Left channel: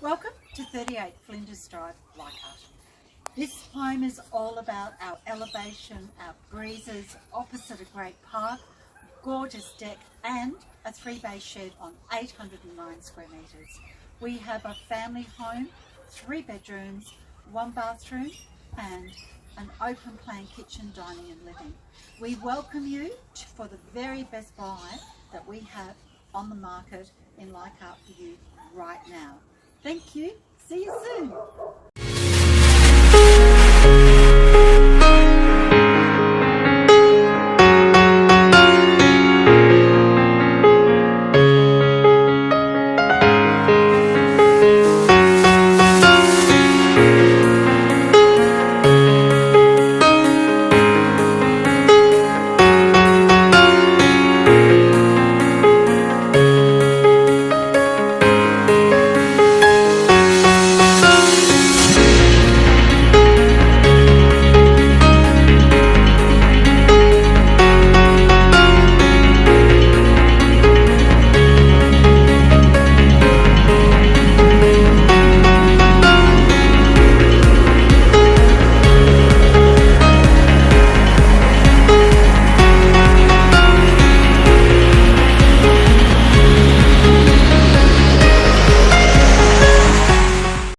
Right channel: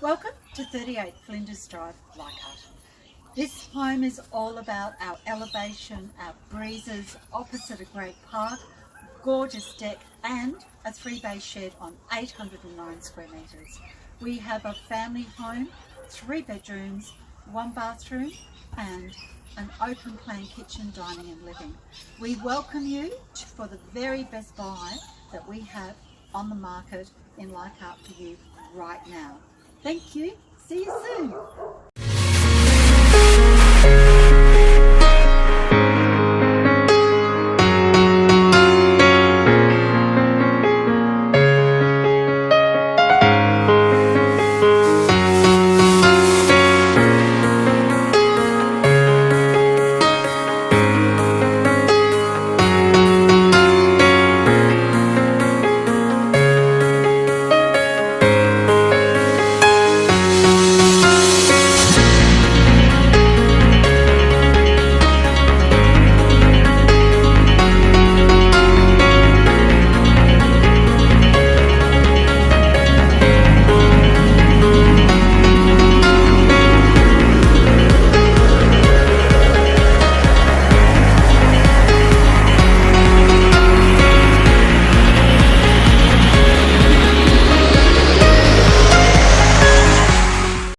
Welcome to 38 Flinders Drive, Leichhardt. This home is all about our elevation, our breezes opposite a great park, gorgeous deck and a 3-bay shed on 809 square metres. We have a family home, 3 bedrooms, 1 bathroom and an open plan kitchen, dining and living. We welcome you for the very best buy that we have on the market in Leichhardt for you right now. Thank you. See you soon.